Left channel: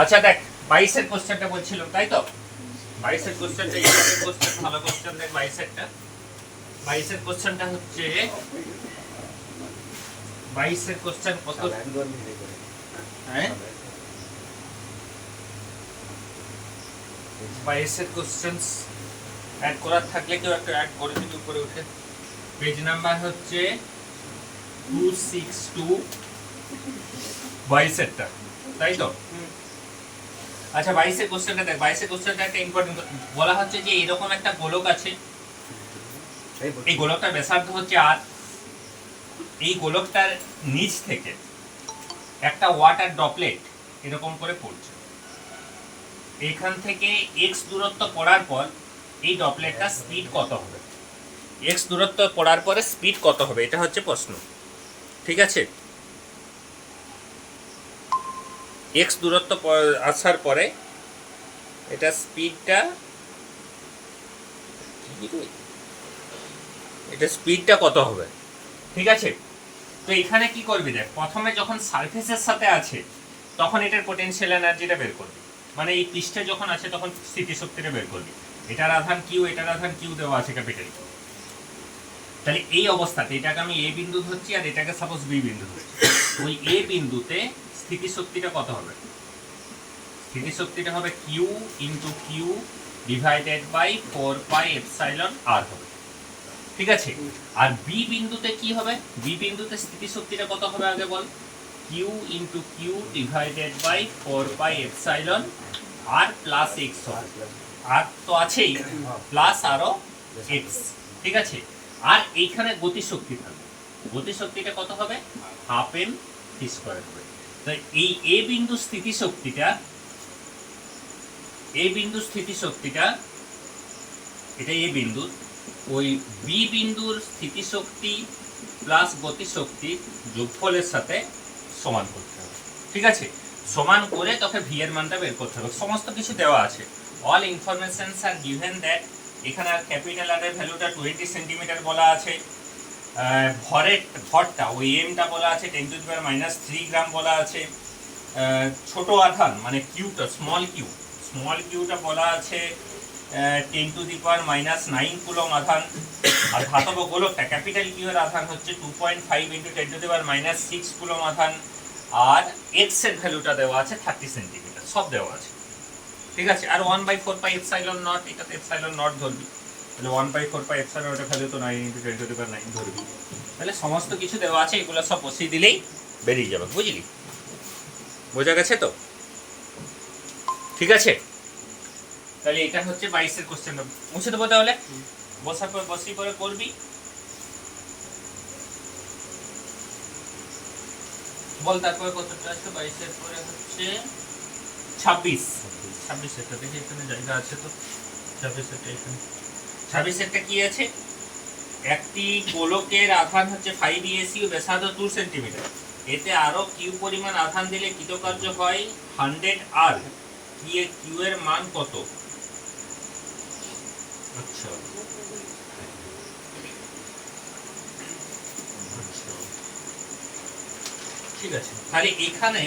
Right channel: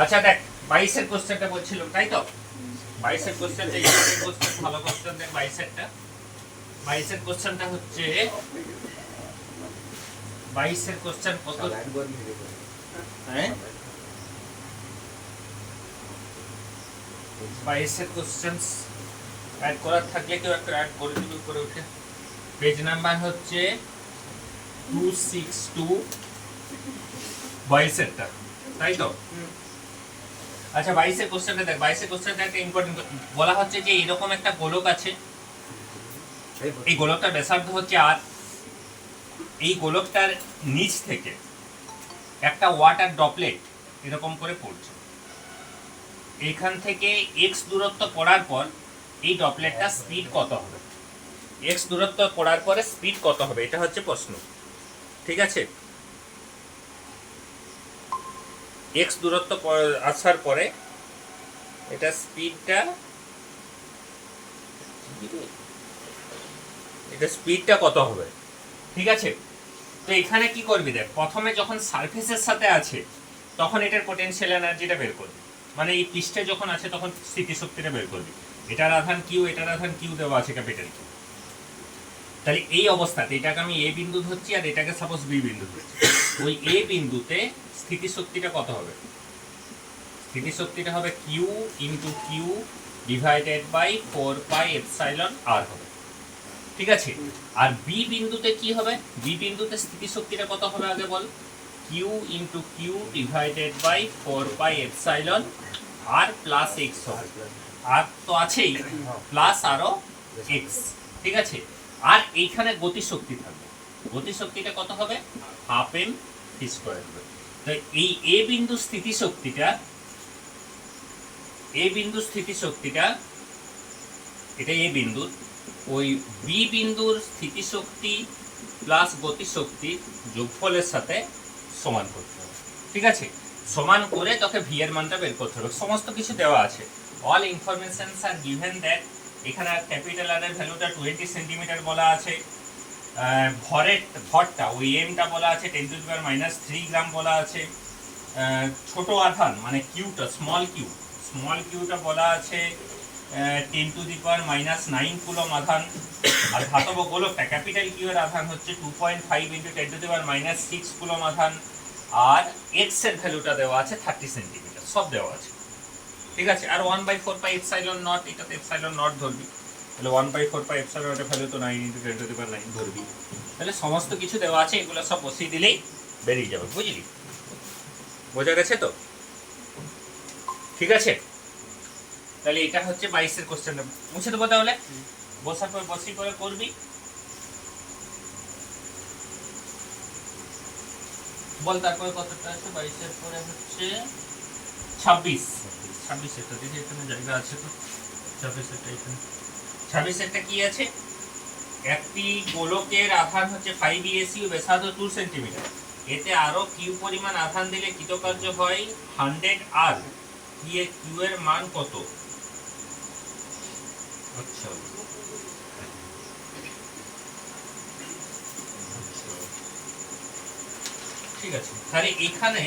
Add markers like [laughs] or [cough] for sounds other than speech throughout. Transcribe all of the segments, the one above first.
আচ্ছা দেখ বাইশের কোশ্চেনটা বলছিলাম তাই তো? বাইশের কোশ্চেনটা ইম্পর্টেন্ট কোশ্চেন ভালো কোশ্চেন দেখ বাইশেরটা। বাইশের কোশ্চেনটা হচ্ছে বাইশের কোশ্চেন কত? হ্যাঁ? বাইশের কোশ্চেন্স অ্যাড করার থাকলে কেউ একটা অ্যাড করে দিল উপরে উঠে। পেজ নাম্বার হচ্ছে টু সিক্স টু বাইশেরটা তাই তো? আচ্ছা বাইশের কোশ্চেনটা দেখ, বাইশের কোশ্চেনটা একটা ইম্পর্টেন্ট বলা হচ্ছে যে এরকম একটা গোলক আছে। এই গোলকটার ব্যাসার্ধ হচ্ছে আর এই গোলকটার নিচ থেকে একটা ওয়াটার ড্রপলেট এরকম করে পড়ছে। এখান থেকে এক্স দূরত্ব পড়ার পর এই ড্রপলেটটা স্পিড কত হবে? এক্স দূরত্ব পড়ার পরে স্পিড কত হবে? এটা হচ্ছে প্রশ্ন। ঠিক আছে? এক্স দূরত্ব আসার পরে এটা স্পিডটা এটা স্পিডটা কত হবে? ঠিক আছে? তো এখানে কি করবি দেখ, প্রথমে যখন সারফেসের সাথে আছে, তখন এটার পোটেনশিয়াল এনার্জিটা বের করবি। মানে এই পৃষ্ঠে যখন আছে, তখন স্থিতিশক্তিটা বের করবি। এটার আধান কিউ এটার আধান কিউ দেওয়া আছে ক্যাপিটাল কিউ তাহলে এই অবস্থাতে এটাকে আমি এ বিন্দু ধরছি আর এটাকে সাপোজ বি বিন্দু ধরছি। ওই এ বিন্দুতে স্থিতিশক্তিটা কত হবে? স্থিতিশক্তিটা হবে Q into Q divided by four pi epsilon R হবে। ঠিক আছে? আর বি বিন্দুতে কি হবে? বি বিন্দুতে স্থিতিশক্তিটা কত হবে আগে বল? Q into Q divided by four pi epsilon R plus X হবে। আর তো আছেই প্লাস আরও এক্স ঠিক আছে? আর এইখানে গতিশক্তি থাকবে। গতিশক্তিটা কত হবে? হাফ এম স্কোয়ার হবে। তো এই এ বিন্দু স্থিতিশক্তিটা, এ বিন্দু স্থিতিশক্তিটা, এটা এ বিন্দু, ওই বি বিন্দুর স্থিতিশক্তি প্লাস গতিশক্তি যোগফলের সাথে সমান করতে হবে। ঠিক আছে? সমান করে তোকে ভি এর মানটা বের করতে হবে। সমস্ত কিছু দেওয়া আছে। All informations are given that এখানে ক্যাপিটাল আর এর ভ্যালুটা টোয়েন্টি সেন্টিমিটার বলা আছে। ভরের ভরটা ওই এমটা বলা আছে ten to power minus three gram বলা আছে। ছোট আধান মানে কিউটা স্মল কিউ স্মল কিউটা বলা আছে ten to the power minus nine coulomb আধান। আর ধাতব গোলকটা ক্যাপিটাল কিউ এর আধান হচ্ছে two point five into ten to the power minus six coulomb আধান। আর এক্সের ভ্যালুটা দেওয়া আছে থার্টি সেন্টিমিটার সব দেওয়া আছে। ঠিক আছে আর one by four pi epsilon nought এটাতে এপসাইলন নট ধরবি। তাহলে one by four pi epsilon নটের value তো nine into ten to the power nine ধরবি। তাহলে সমস্ত কিছু দেওয়া আছে এগুলো সব বসিয়ে দিলেই বেরিয়ে যাবে বুঝলি? বোঝা গেছে তো? ঠিক আছে? তাহলে এটা হচ্ছে বাইশের কোশ্চেনটা মুছে দেবো তাহলে? বসার পর বসি করে করবি। বল তারপরে কতটা আছে? বাইশের পরে হচ্ছে ছাব্বিশ। ছাব্বিশ একটা দেখি এখানে জায়গা আছে তো ছাব্বিশ একটা এখানে। ছাব্বিশ একটা কি আছে? একটি গোলকের আধান হচ্ছে ফাইভ ইএসি ও ব্যাসার্ধ টু সেন্টিমিটার এতে আরও কিউ পরিমাণ আধান দিলে কৃতকার্য হয় হান্ড্রেড আর কি কিউ এর মান কত? আচ্ছা। ঠিক আছে। তাহলে এখানে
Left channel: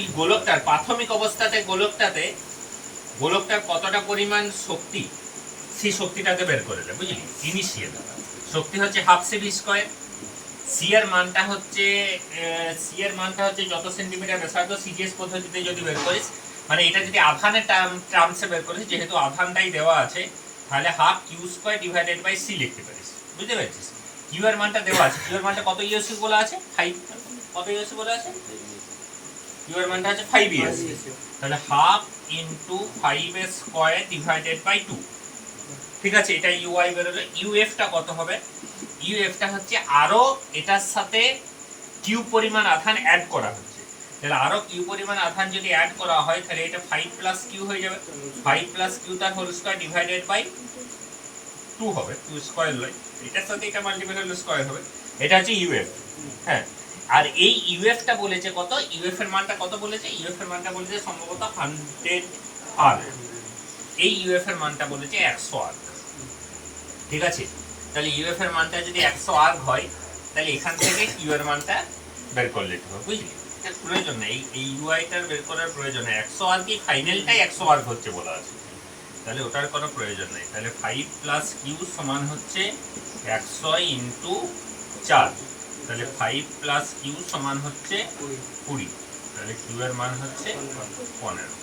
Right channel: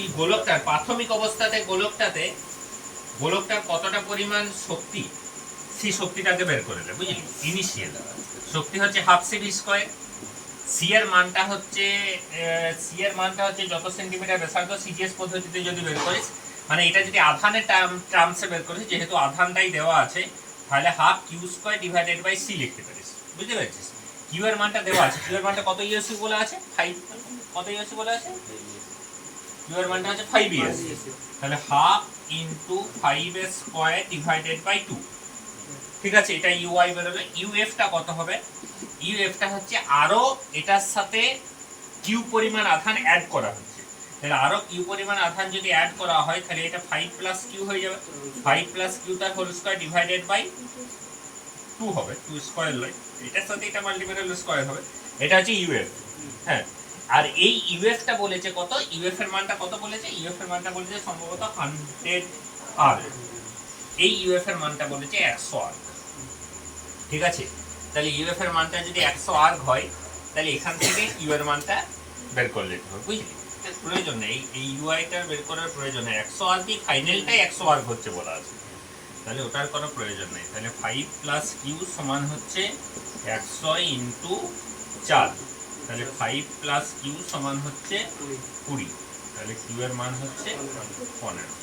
এই গোলকটার, প্রাথমিক অবস্থাতে গোলকটাতে, গোলকটার কতটা পরিমাণ শক্তি, সেই শক্তিটাকে বের করে দেবে বুঝলি? ইনিশিয়াল শক্তি হচ্ছে হাফ সিভি স্কোয়ার সি এর মানটা হচ্ছে সি এর মানটা হচ্ছে যত সেন্টিমিটার ব্যাসার্ধ সিজিএস পদ্ধতিতে যদি বের করিস মানে এটা যদি আধানের টার্ম টার্মসে বের করিস, যেহেতু আধানটাই দেওয়া আছে, তাহলে half Q square divided by C লিখতে পারিস, বুঝতে পেরেছিস? কিউ এর মানটা দেওয়া আছে কিউ এর মানটা কত ইউএসসি বলে আছে? ফাইভ কত ইউএসসি বলে আছে? কিউ এর মানটা হচ্ছে ফাইভ ইউএসসি তাহলে half into five square divided by two ঠিক আছে এটা ইউআই বেরোলে ইউএফটা কত হবে? ইউএফটা হচ্ছে আরও এটার সাথে কিউ পরিমাণ আধান অ্যাড করা হচ্ছে। তাহলে আরও কিউ পরিমাণ আধান যদি অ্যাড করা হয় তাহলে এটা ফাইভ প্লাস কিউ হয়ে যাবে। ফাইভ প্লাস কিউ তার whole square divided by two হবে। টু স্কোয়ার নয় এটার সাথে এটা মাল্টিপ্লাই স্কোয়ার হবে। এটা হচ্ছে ইউএফ হ্যাঁ। আর এই ইউএফটা বলেছে কত? ইউএফ এর মানটা কত বলেছে? ইউএফ এর মানটা বলেছে সম্ভবত হান্ড্রেড আর এই ইউএফ এর মানটা বলেছে একশো আর ঠিক আছে? তাহলে ইউএফ এর মানটা যদি একশো আর হয়, তাহলে এখান থেকে ইউ এর মানটা বের করে নিতে হবে। বুঝলি? প্রয়োজন নেই। এই ইউআইটার বের করার প্রয়োজন নেই। একশো আর কি ফাইনালটাই একশো আর হচ্ছে বলা আছে। তাহলে ওটার কোনো প্রয়োজন নেই। তাহলে ফাইভ প্লাস কিউ সমান হচ্ছে একশো ইন্টু চার। তাহলে ফাইভ প্লাস কিউ সমান হচ্ছে কুড়ি। তাহলে কিউ এর মান হচ্ছে পনেরো।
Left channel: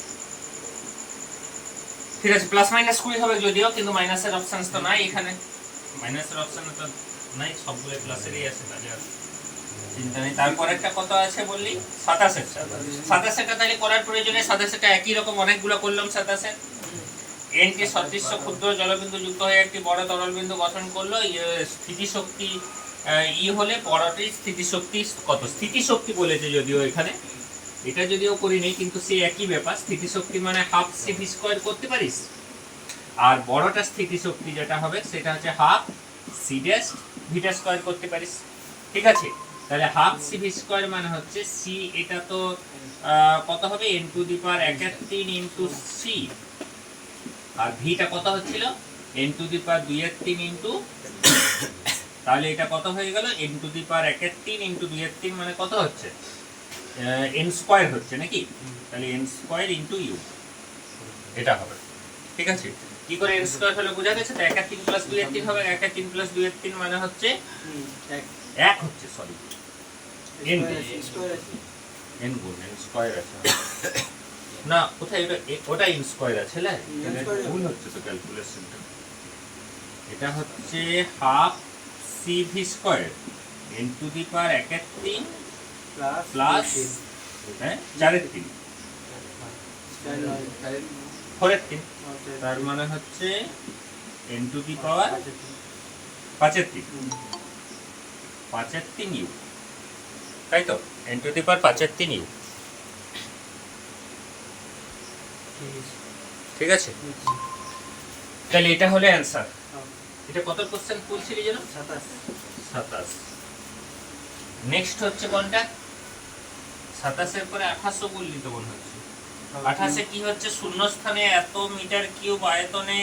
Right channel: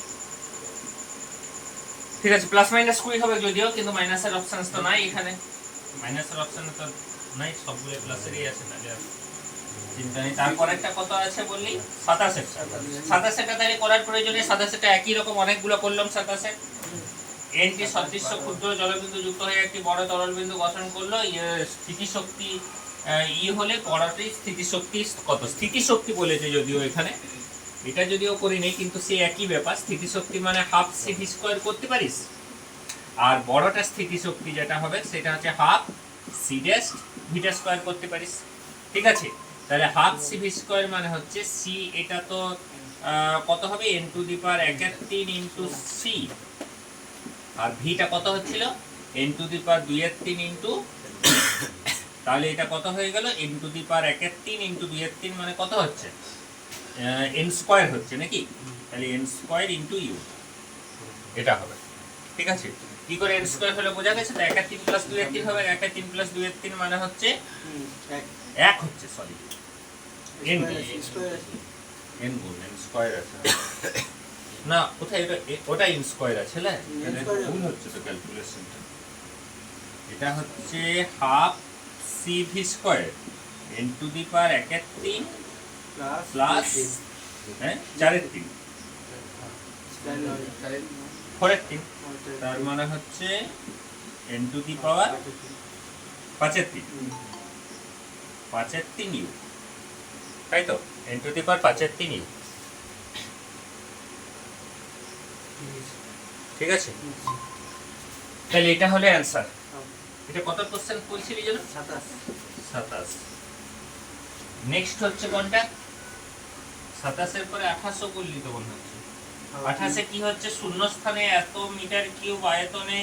ঠিক আছে প্লাস মাইনাস কুড়ি হবে যদিও কিন্তু মাইনাসের অপশন তো নাই এখানে। মাইনাসের অপশন তো নাই সবগুলো প্লাসেরই আছে তাহলে চিন্তা নেই। তারপর একটা কত আছে বললি? সাতাশেরটা তাহলে করার প্রয়োজনে সাতাশেরটা একই রকম অনেকগুলো করলাম সাতাশে এনকে সদৃশ্য ক্ষুদ্র জলবিন্দু যুক্ত হয়ে একটি বড় তরল বিন্দু গঠন করল ইয়ে স্থিতিশক্তি ই হলে বড়টি স্থিতিশক্তি কত? স্থিতিশক্তি বলেছে যদিও এখানে। এটা যদিও করিনি কিন্তু সেই একই ব্যাপার। স্থিতিশক্তি মানে হাফ সি ভি স্কোয়ার করতে পারিস? আর বড়টা স্থিতিশক্তি যেটা হবে, সেটা হচ্ছে হাফ সি ড্যাশ ভিটা স্কোয়ার করতে পারিস। ঠিক আছে? তাহলে হাফ সি ভি স্কোয়ার মানে হচ্ছে সি এটা তো কত হবে? এন টু দি পাওয়ার এক এক তিন ইন্টু সি আর ভিটা কত হচ্ছিল? এন টু দি পাওয়ার দুই এর তিন ইন্টু তাহলে এটা কত হয়ে গেল? এন টু দি পাওয়ার এক এর তিন ইন্টু দুই এর তিন মানে কত হচ্ছে? এন স্কোয়ার হচ্ছে নাকি? তাহলে এন স্কোয়ার ইন্টু ইউ এটা হবে। ঠিক আছে? কি করে এন স্কোয়ার হলে বোঝা গেছে? তো এক আর তিন প্লাস দুই এর তিন হবে এক আর তিন প্লাস দুই এর তিন মানে হচ্ছে এক হচ্ছে সরি এন এন গুণ এন স্কোয়ার আছে। না কোথায়? এটা ওটা এন স্কোয়ার আছে না ভুল হচ্ছে তো ক্যালকুলেশনটা এটা হচ্ছে half C V square N to the power এক এর তিন প্লাস হ্যাঁ চারের তিন। ফোরের তিন। তার মানে হচ্ছে এন টু দি পাওয়ার পাঁচের তিন। পাঁচের তিন ইউ। তাই তো? এন টু দি পাওয়ার পাঁচের তিন ইউ। ঠিক আছে। তাহলে এটা হলো অ্যান্সার। এটা কত কোশ্চেন বলছিলি যেন? সাতাশ। নেক্সট হচ্ছে কোনটা? সাতাশের পরে আঠাশও বললি তো মনে হচ্ছে। আঠাশে। কি হচ্ছে? শূন্য স্থানে এত মিটার কিউব আয়তনে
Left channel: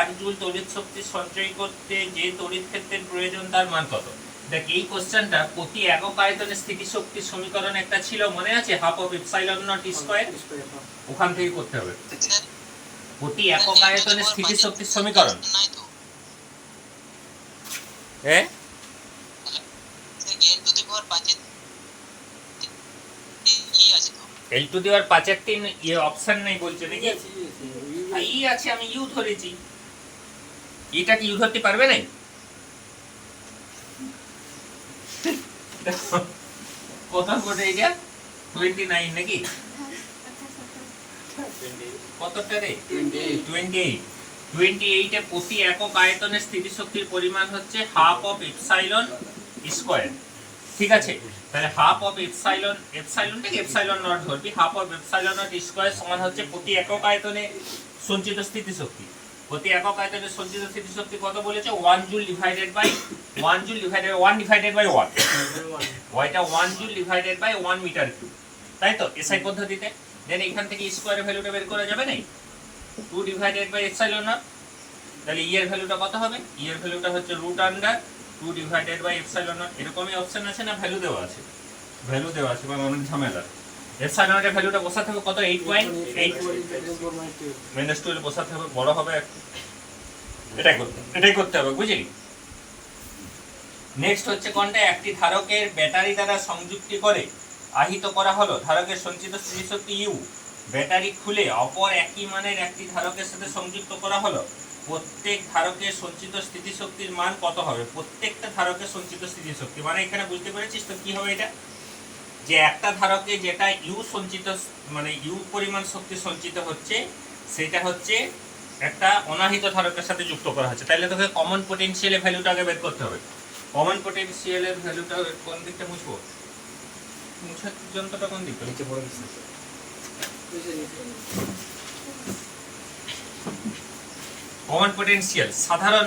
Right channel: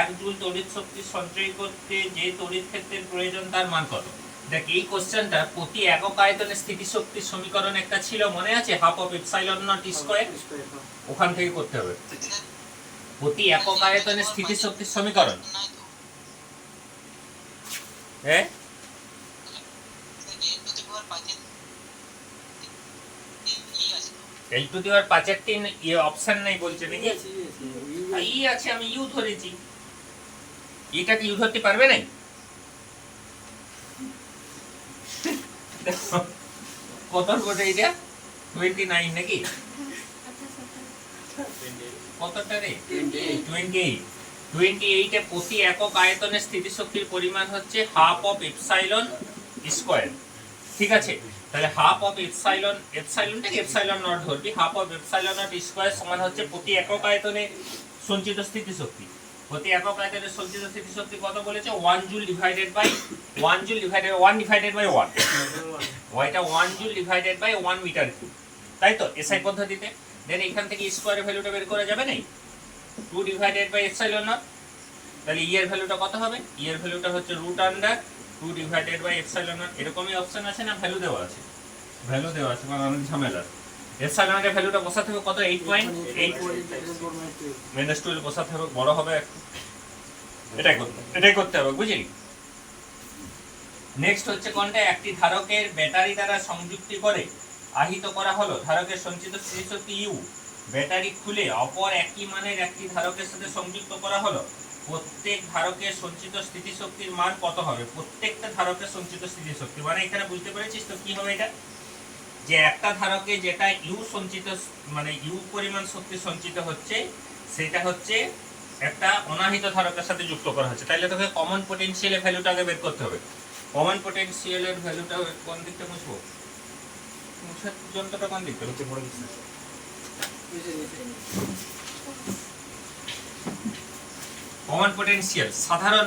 এক জুল তড়িৎ শক্তি সঞ্চয় করতে যে তড়িৎ ক্ষেত্রের প্রয়োজন তার মান কত? দেখ এই কোশ্চেনটা প্রতি একক আয়তনে স্থিতিশক্তির সমীকরণ একটা ছিল মনে আছে? Half of epsilon nought square ওখান থেকে করতে হবে। প্রতি একক আয়তনে স্থিতিশক্তির সমীকরণ। হ্যাঁ? এল টু দি পাওয়ার পাঁচের তিন ইয়ে অপশন নাই বলছে নাকি? ই আছে আমি ইউ ধরেছি। এটা কি ইউ ধরতে পারবে নাই? কত কোটে এটা? টোয়েন্টি নাইন নাকি? [laughs] কতটা রে? টোয়েন্টি এইট টোয়েন্টি এইটে প্রতি একক আয়তনের স্থিতিশক্তির পরিমাণ হচ্ছে হাফ অফ এপসাইলন স্কোয়ার ঠিক আছে? তাহলে হাফ অফ এপসাইলন এপসাইলনটাকে এপসাইলন নট ধরবি half of epsilon nought square সমান হচ্ছে প্রতি একক আয়তনে সঞ্চিত স্থিতিশক্তি। প্রতি একক আয়তনে সঞ্চিত স্থিতিশক্তি কত বলেছে? One joule divided by one joule divided one divided by one ওয়াইটা one joule divided by one metre cube তাই তো? এসআই পদ্ধতিতে। দেন এখান থেকে স্কোয়ারের ভ্যালুটা বের করা যাবে নাই two divided by epsilon nought তাহলে ই এর ভ্যালুটা কত হবে? ই এর ভ্যালুটা হচ্ছে root under two divided by epsilon nought এরকমই অপশন আছে না? ভ্যালু দেওয়া আছে। ভ্যালু দেওয়া আছে মানে অনেক ঝামেলা। এপসাইলন নটের ভ্যালুটা বসাতে হবে কত? Eight point eight minus twelve বসাতে হবে, বড় হবে এটাই করতে এটাই করতে হবে, বুঝলি? নেক্সট হচ্ছে কোনটা? একটি ধারকের ব্যাটারি দ্বারা সংযুক্তি করে আহিত করা হলো। ধারকের সঞ্চিত স্মৃতিশক্তি ইউ ব্যাটারি খুলে অপর একই মানের একটি ধারকের সাথে সংযুক্ত করা হলো। প্রত্যেক ধারকের সঞ্চিত স্থিতিশক্তির মান কত হবে? প্রত্যেকটা ধারকের সঞ্চিত স্থিতিশক্তি। মানে এখানে বুঝতে পেরেছিস তো কি হবে এটা? যে একটা ধারকে যেটা ইউ সঞ্চিত মানে ইউ পরিমাণ শক্তি সঞ্চিত হচ্ছে, সেটা হচ্ছে একটা অনাহিত ধারকের সাথে যুক্ত করা হচ্ছে। তাইলে তোকে কমন পোটেনশিয়ালের ভ্যালুটা আগে বের করতে হবে। কমন পোটেনশিয়ালের ভ্যালুটা কোন দিকটা বুঝব যন্ত্রটা কোন দিকটা? কমন পোটেনশিয়াল সাধারণ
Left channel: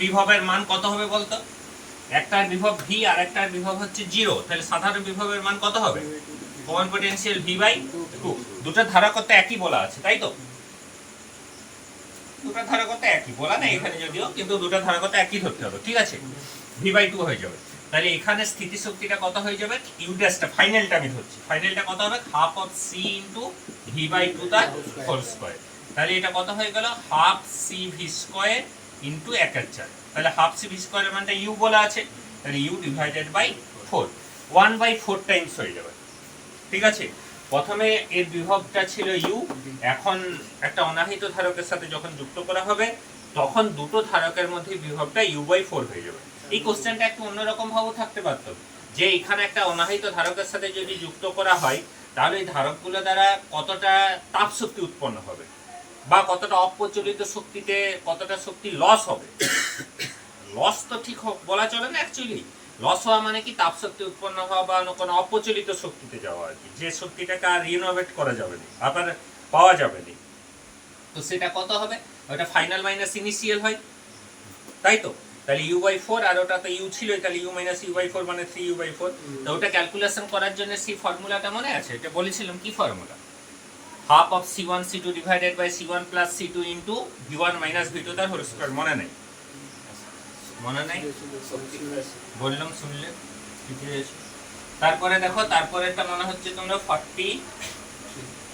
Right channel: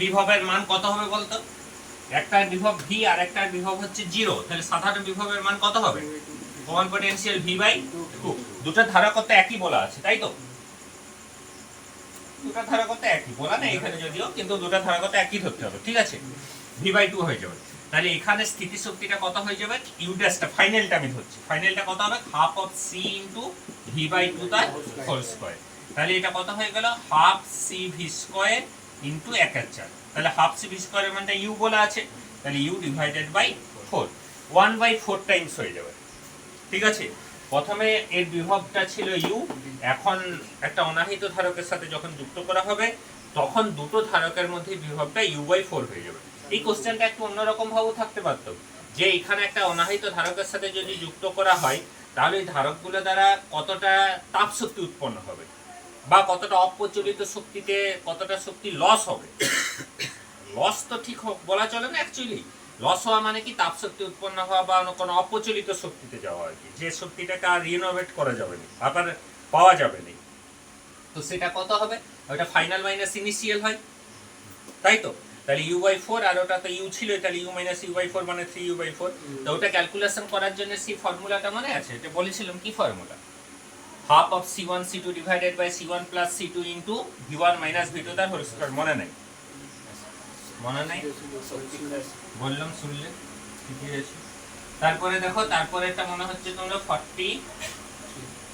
বিভবের মান কত হবে বলতো? একটার বিভব ভি আর একটার বিভব হচ্ছে জিরো তাহলে সাধারণ বিভবের মান কত হবে? Common potential V by two দুটো ধারকত্ব একই বলা আছে, তাই তো? দুটো ধারকত্ব একই। বলা নেই এখানে যদিও, কিন্তু দুটো ধারকত্ব একই ধরতে হবে। ঠিক আছে? ভি বাই টু হয়ে যাবে। তাহলে এখানে স্থিতিশক্তিটা কত হয়ে যাবে? ইউ ড্যাশটা ফাইনালটা আমি ধরছি ফাইনালটা কত হবে? Half of C into V by two তার হোল স্কোয়ার তাহলে এটা কত হয়ে গেল? Half C V square into এক চার। তাহলে হাফ সি ভি স্কোয়ারের মানটা ইউ বলা আছে। তাহলে U divided by four one by four times হয়ে যাবে। ঠিক আছে? প্রথমে এর বিভবটা ছিল ইউ এখন একটা অনাহিত ধারকের সাথে যখন যুক্ত করা হবে, তখন দুটো ধারকের মধ্যে বিভবটা ইউ বাই ফোর হয়ে যাবে। এই কোশ্চেনটা একটু অন্যরকম ভাবেও থাকতে পারত। যে এখানে একটা অনাহিত ধারকের সাথে যদি যুক্ত করা হয়, তাহলে এই ধারকগুলো দ্বারা কতটা তাপ শক্তি উৎপন্ন হবে? বা কতটা অপ্রচলিত শক্তিতে কতটা শক্তি লস হবে? লস তো ঠিক বলা চলে না অ্যাকচুয়ালি লস হওয়া মানে কি? তাপ শক্তি উৎপন্ন হওয়া বা অন্য কোনো অপ্রচলিত শক্তিতে যাওয়া আর কি। যে শক্তিটাকে আর রিনোভেট করা যাবে না, আবার পাওয়া যাবে না। তো সেটা কত হবে? ওটা ফাইনাল মাইনাস ইনিশিয়াল হয়। তাই তো? তাহলে ইউ বাই ফোর আর ওটা তো ইউ ছিল তাহলে U minus U by four মানে থ্রি ইউ বাই ফোর তো ওটা ক্যালকুলেশন করার জন্য সি ফর্মুলাটা মনে আছে? এটা বলেছিলাম কি formula half of C one C two divided by C one plus C two into V one minus V two তার হোল স্কোয়ার মনে নেই? মনে নেই? বললাম শুনলে? ঠিকই আছে। তারপরে দেখো তারপরে একটা মনে হচ্ছে তোমরা ফর্টি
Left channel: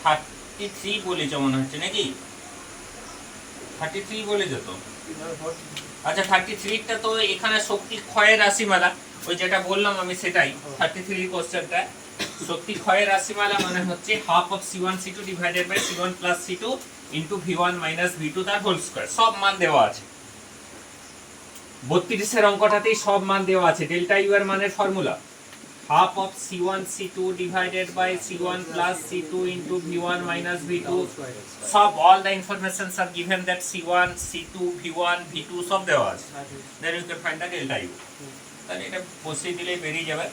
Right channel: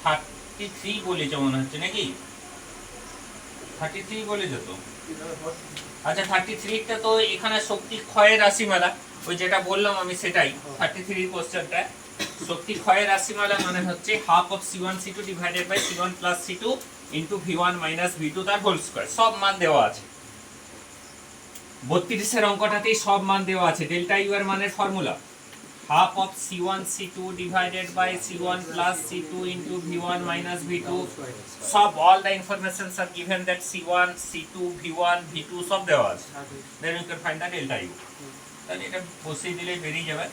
থার্টি থ্রি বলেছ মনে হচ্ছে নাকি? থার্টি থ্রি বলেছ তো? আচ্ছা থার্টি থ্রিটা তো এখানে শক্তি ক্ষয়ের রাশিমালা। ওই যেটা বললাম আমি সেটাই। থার্টি থ্রি কোশ্চেনটা শক্তি ক্ষয়ের রাশিমালা মানে হচ্ছে half of C one C two divided by C one plus C two into V one minus V two তার হোল স্কোয়ার সব মান দেওয়া আছে। বত্রিশের অঙ্কটাতেই সব মান দেওয়া আছে। ডেল্টা ইউ এর মানের formula half of C one C two divided by C one plus C two into V one minus V two সব all the informations are given that C one C two V one V two সব দেওয়া আছে। Then you can find the delta U তাহলে এটা বসিয়ে দিলেই বেরিয়ে যাবে।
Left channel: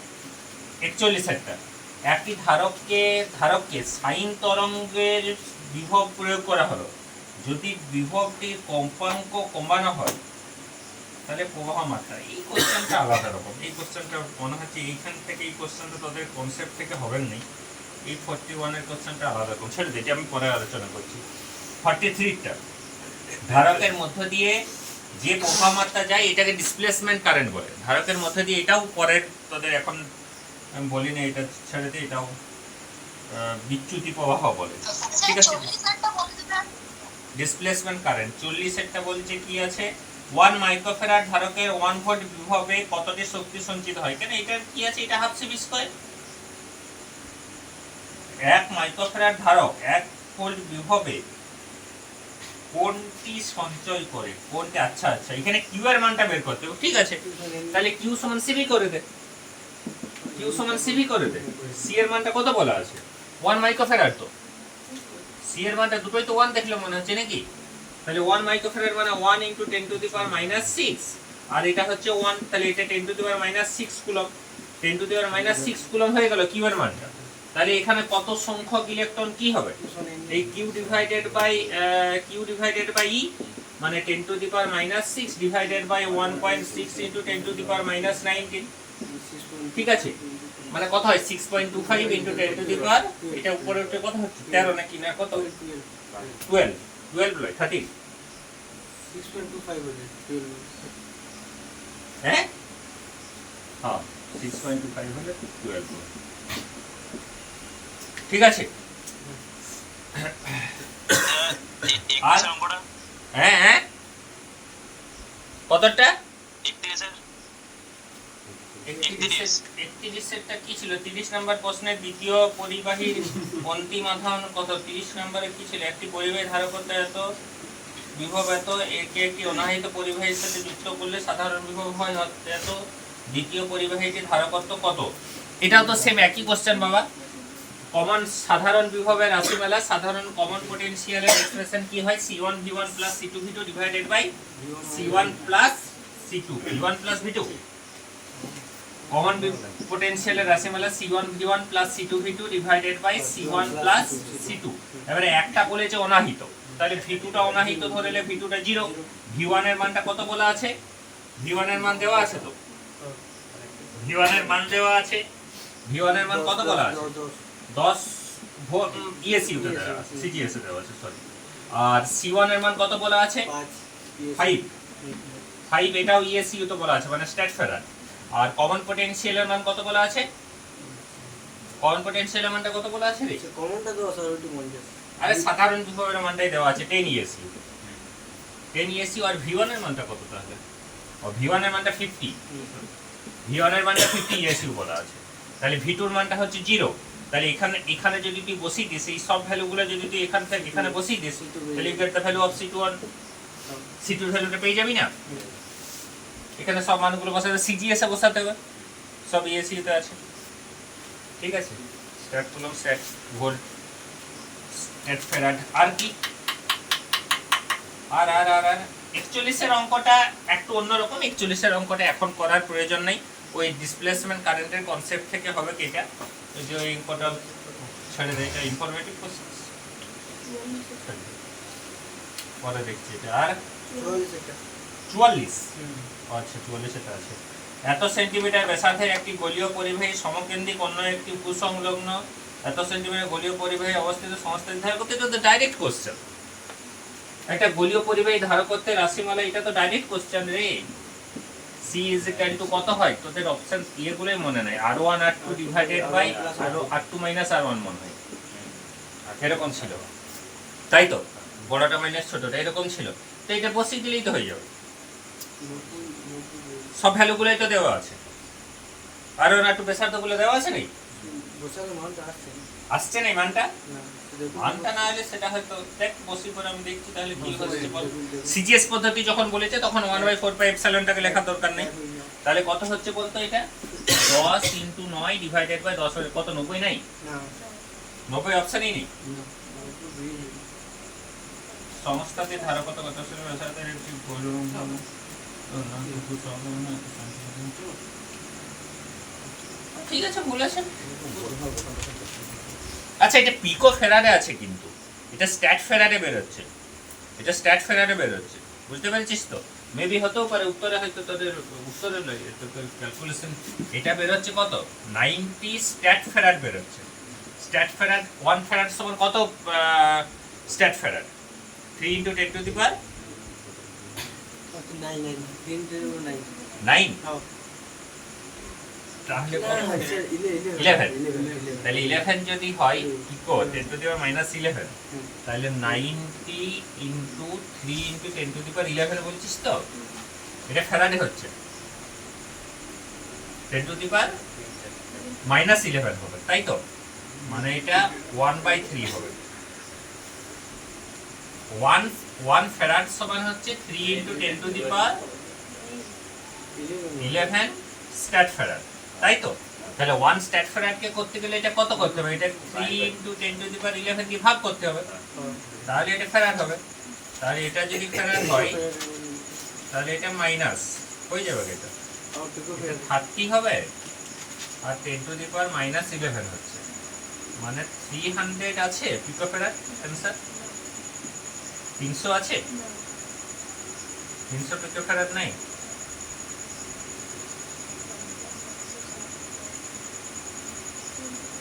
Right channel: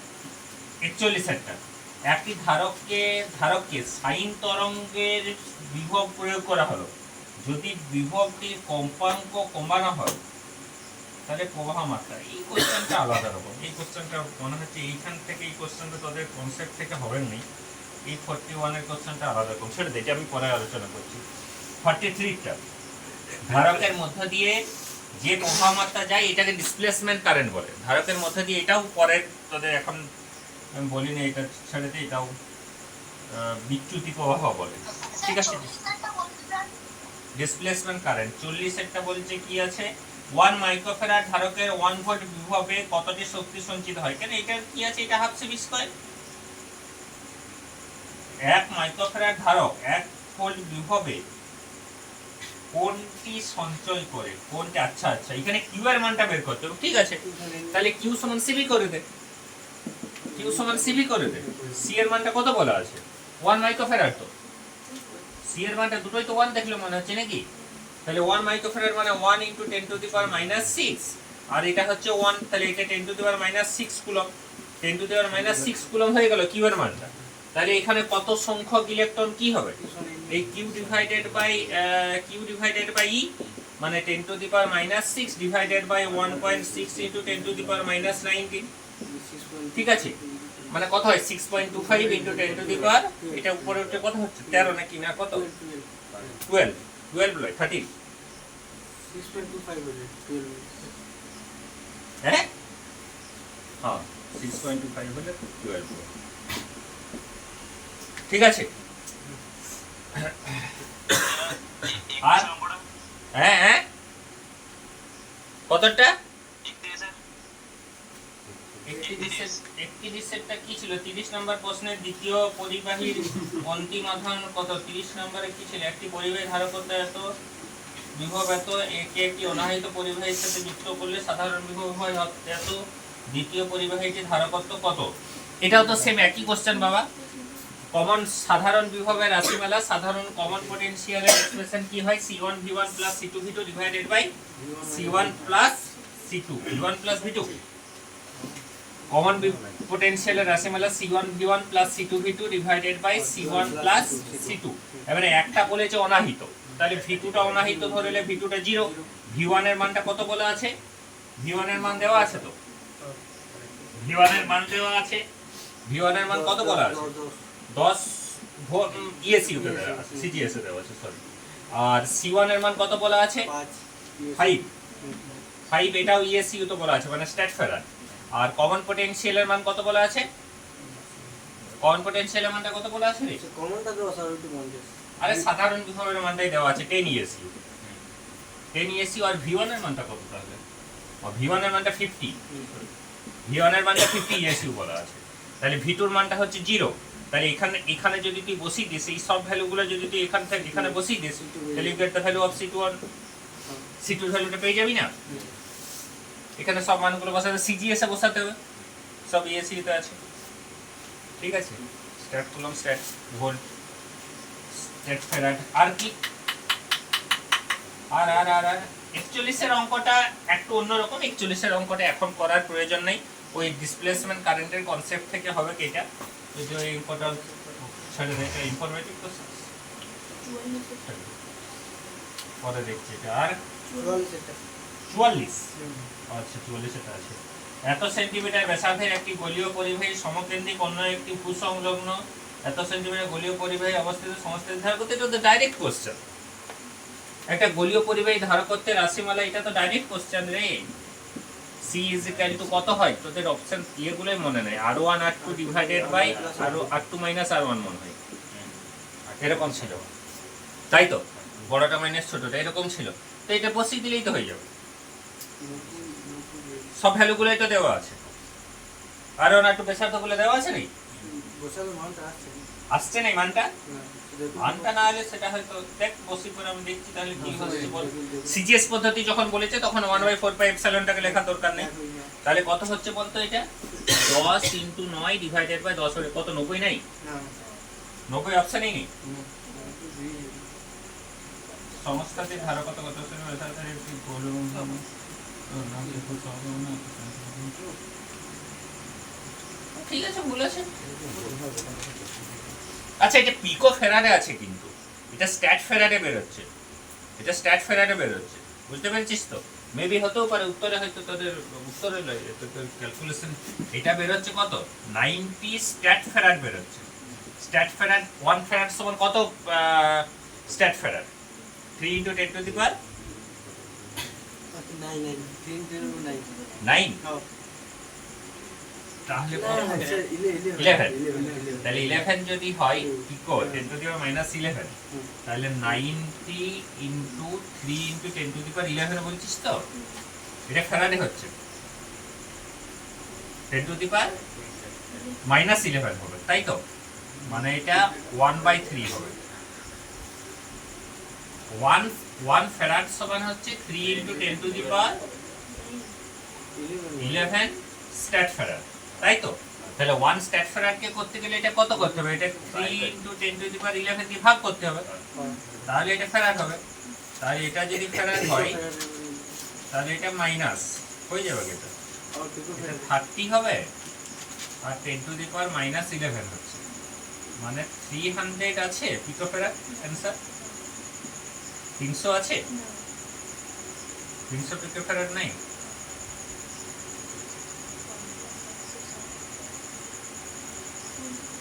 একচল্লিশ একটা। একটি ধারককে ধারককে সাইন তরঙ্গের বিভব প্রয়োগ করা হলো। যদি বিভবটির কম্পাঙ্ক কমানো হয় তাহলে প্রবাহ মাত্রা এই কোশ্চেনটা আলাদা রকম। এই কোশ্চেনটা মনে হচ্ছে এইখান থেকে এই কোশ্চেনটা তোদের কনসেপ্ট থেকে হবেন নাই এই ফর্টি ওয়ানের কোশ্চেনটা আলাদা রকম। ছেড়ে দিই আমি পরে আলোচনা করছি। ফর্টি থ্রিটা ধারকের মধ্য দিয়ে যে প্রবাহ মাত্রা যায় এটাকে ডিসপ্লেসমেন্ট কারেন্ট বলে। ধারকের মধ্য দিয়ে এটাও পরের তোদের এখন আমি বলি না এটা ছেড়ে দিই এটাও বিচ্যুতি প্রবাহ বলে। ঠিক আছে? ডিসপ্লেসমেন্ট কারেন্ট চল্লিশেরটা বলছে কি আছে? ওয়ান মাইক্রোফেরার ধারকের ওয়ান ভোল্ট বিভবে কতটি শক্তি সঞ্চিত হয়? কেন এটা কি আছে? এটা হাফ সিবি স্কোয়ার এক মাইক্রোফেরার ধারক এক ভোল্ট বিভবে কোনটি সঞ্চয় করে? কোনটি? আচ্ছা আচ্ছা। এখানে কিউ এর মানটা বের করতে হবে। ঠিক আছে। তাহলে কিউ সমান সিবি করে দে। কিউ সমান সিবি করে দে। সি এর মানটা কত বলা আছে? ওয়ান মাইক্রোফেরার তো। সি এর মানটা দুটোই তো ওয়ান দেখলে মনে হচ্ছে নাকি? তাহলে ওয়ান মাইক্রোফেরার মানে one into ten to the power minus six আর এটা হচ্ছে ওয়ান তাহলে এটা ten to the power minus six coulomb ten to the power minus six coulomb হয়ে গেল কিউ এর মানটা। তাহলে এখানে কত সংখ্যক ইলেকট্রন কি হবে? এই Q divided by Q divided by e মানে ten to the power minus six divided by one point six into ten to the power minus nineteen ঠিক আছে? মানে কত হয়? Six point two to the power এটা উপরে উঠে কত হচ্ছে? তেরো নাকি না কত? টুয়েলভ টুয়েলভ নয় থার্টিন হ্যাঁ হ্যাঁ সিক্স পয়েন্ট টু ফাইভ হলে টুয়েলভ ঠিক আছে? [coughs] আর? হ্যাঁ হ্যাঁ। কতটা? একত্রিশেরটা কি ছিল? তিরিশ নম্বর প্রশ্নের দ্বিতীয় পরিবাহীর অন্তিম আধান কত? তিরিশ নম্বরে কি ছিল? একটি পরিবাহী ধারকত্ব এত বিভব এত একে একটি অনাহিত পরিবাহীর সাথে যুক্ত করলে সাধারণ বিভব হয় এত দ্বিতীয় পরিবাহীটির ধারকত্ব কত? এটাও তো সেম একই কোশ্চেন বাবা। কমন সাধারণ বিভবের রাশিমালা সাধারণ কমন পটেনশিয়ালের এক্সপ্রেশন কি হয়? C one V one plus C two V two divided by C one plus C two V one plus V two common পোটেনশিয়ালের রাশিমালা C1 V1 plus C2 V2 divided by C1 plus C2 এবারে একটা বলেছে অনাহিত। তাহলে V2 টা অনাহিত ধরলে V2 টা 0 V1 এর মানটা কত বলা আছে? V1 এর মান দেওয়া আছে তো? V1 এর মান দেওয়া আছে। V1 এর মান কত বলা আছে? 10 ভোল্ট ইএসইউ তে দেওয়া আছে সিজিএস দেওয়া আছে সরি আর C1 এর মান কত বলা আছে? 5 5 এটাও ইএসইউ তো বলা আছে মানে স্ট্যাট ফেরার আর কমন পোটেনশিয়ালের মান কত বলা আছে? কমন পোটেনশিয়ালের মানটা কত বলা আছে রে? কমনটা দেওয়া স্যার ওইটু পঞ্চাশ। আরে সাধারণ বিভবের মানটাই দেওয়া আছে টেন ইএসইউ টেন ইএসইউ আর ভি ওয়ানের মানটা কত তাহলে? ও ভি ওয়ানের মানটা ফিফটি ভি ওয়ানের মানটা ফিফটি ইএসইউ বলা আছে। তাহলে ভি টুর মানটা হচ্ছে জিরো তাহলে এখানে এখানে যদি তুই বসিয়ে দিস এই সব ভ্যালুগুলো যদি তুই এখান থেকে এখানে বসিয়ে দিস তাহলে you get the value of C two one C টুর ভ্যালুটা পেয়ে যাবি না? এখানে সব মানগুলো বসাতে সিজিএস বসাতে হবে। সব ইএসইউ তে আছে। ঠিক আছে? স্ট্যাট করলাম স্ট্যাট ভোল্ট স্ট্যাট ফেরাড আর কি? আর আর আর আর। একচল্লিশের অঙ্কটা একটু অন্যরকম। একচল্লিশের অঙ্কটা এখন করার প্রয়োজন নেই। ওই ডিসপ্লেসমেন্ট কারেন্টের কনসেপ্ট থেকে হবে কি এটা? এই যে ওই অঙ্কটা ছেড়ে দেয় এটা ইনফরমেটিভ কোশ্চেন পরে দেখছি এটা। আর চুয়াল্লিশ। আচ্ছা চুয়াল্লিশ এটা আছে। এত সেন্টিমিটার ব্যাসার্ধের একটি গলীয় পরিবাহী সমকেন্দ্রিক অন্য একটি এত সেন্টিমিটার গলীয় পরিবাহী অবস্থিত সমস্ত ধারক করতে এটা তো ডাইরেক্ট কোশ্চেন একটা গলীয় পরিবাহী ধারক করতে রাশিমালা এটা তো ডাইরেক্ট কোশ্চেন রে। সি ইজ ইকাল টু কত হয়? তোদের অপশন ইয়েগুলোই মনে নাই। R one R two divided by R R two minus R one মনে হয়। এরকম ছিল। তাই তো? বড়টা মাইনাস ছোটটা এরকম ছিল। তো এটা বসিয়ে দিলেই তো হয়ে যাবে। সব ভ্যালু ভ্যালুগুলোই তো দেওয়া আছে। আর ওয়ান আর টু গুলো দেওয়া আছে নাকি? আসছে আসছে না মানটা? মানটা না হলে সেটা হয়তো দেখ বসি করে আমি দেখছি তাহলে কি হচ্ছে বল। সিজিএস পদ্ধতি যখন বলেছে তখন ওয়ান বাই ফোর পাই এপসাইলনটাকে লেখার দরকার নেই। তাহলে কত হচ্ছে বলতো এটা? দশ ইন্টু নয় ডিভাইডেড বাই দশ কত নব্বই নাই? না। নব্বই অপশানই নেই। সংস্থাতে ধারকত কত একটি গোলক ঠিক আছে, বলেছেন। আচ্ছা এটা পিকো ফেরারে আছে কিন্তু। এটা স্ট্যাট ফেরারে বেরোচ্ছে। এটা স্ট্যাট ফেরারে বেরোচ্ছে। বুঝতে পেরেছিস তো? মেবি হতেও পারে, উত্তরে হয়তো তোদের, উত্তরে নয় তোর ক্যালকুলেশন এটা বেরোচ্ছে কত? নাইনটি স্ট্যাট ফেরার বেরোচ্ছে। স্ট্যাট ফেরার ওয়ান ফেরার সমান কত? Stat farad three into ten to the power নাই নাই তিন জিরো নাই নাইন? হ্যাঁ। তাহলে না, কত না, হবে? স্যার, ইলে- ইলে- Eleven? Eleven, eleven. তাহলে ইলেভেন যদি হয় হুম। Ten to the power minus eleven তাহলে ninety into three into ten to the power eleven বলছিস তো? এটা ফেরাডে হচ্ছে। Ten to the power minus eleven হবে তাই তো? মানে এটা ওয়ান বাই থ্রি হবে। ওয়ান ওয়ান ফেরাড সমান হচ্ছে three into ten to the power eleven. Stat farad তাই তো? তাহলে ওয়ান স্ট্যাট ফেরাডকে করতে গেলে এটা কত করতে হবে? এটা three into ten to the power eleven দিয়ে ভাগ করতে হবে। তাহলে এটা ফেরাড হবে। তাহলে এটা যদি ফেরাড হয়, তাহলে এটা মাইনাস হয়ে যাবে এটা। থার্টি হবে আর ten to the power minus eleven হচ্ছে। মানে থ্রি হান্ড্রেড আছে পিকো ফেরাড অ্যান্সার তিনশো আছে? তিনশো ফেরাড নাই?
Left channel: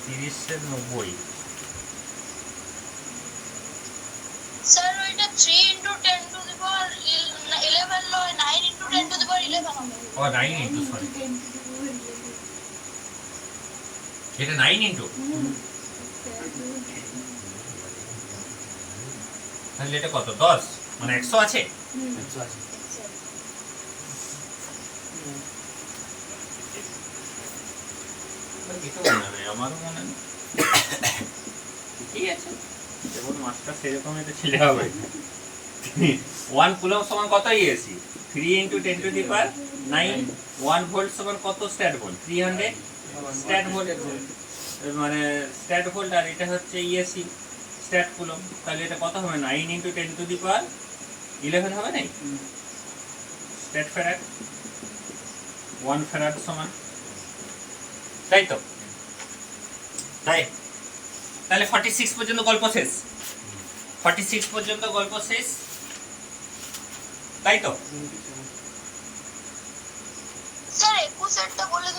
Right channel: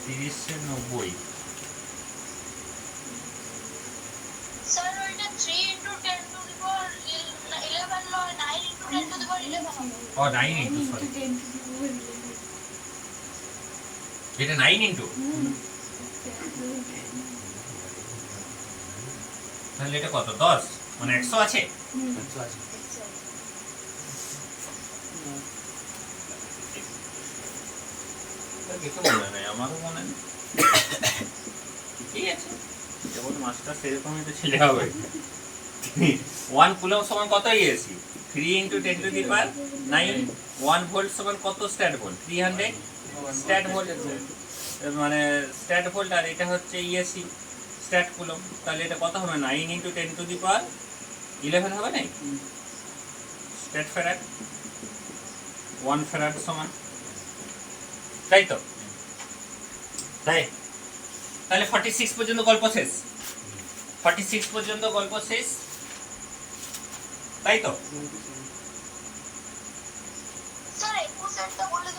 তিরিশে নব্বই। স্যার ওইটা three into ten to the power eleven নয় nine into ten to the power eleven O nine into sorry এটা নাইন ইন্টু তাহলে এটা কত? দশ? মানে একশো আছে? মনে নেই আমারও মনে নেই। ঠিকই আছে। যেমন মাস্টার সেরকম একটা ছেলে হবে। ওয়ান কুলম সমান কত ইয়েছি three into ten to the power nine one volt সমান কত stat volt three hundred stat volt মানে স্ট্যাট ভোল্ট আর এটা হচ্ছে ইএসি স্ট্যাট কুলম তাহলে এটা কত হবে nine into ten to the power eleven হবে না স্ট্যাট ফেরাড ওয়ান ফেরাড সমান। তাই তো? তাই? তাহলে ফর্টি সিক্স পর্যন্ত গল্প শেষ। ফর্টি সিক্স পর্যন্ত গল্প শেষ। তাই তো? স্যার বলে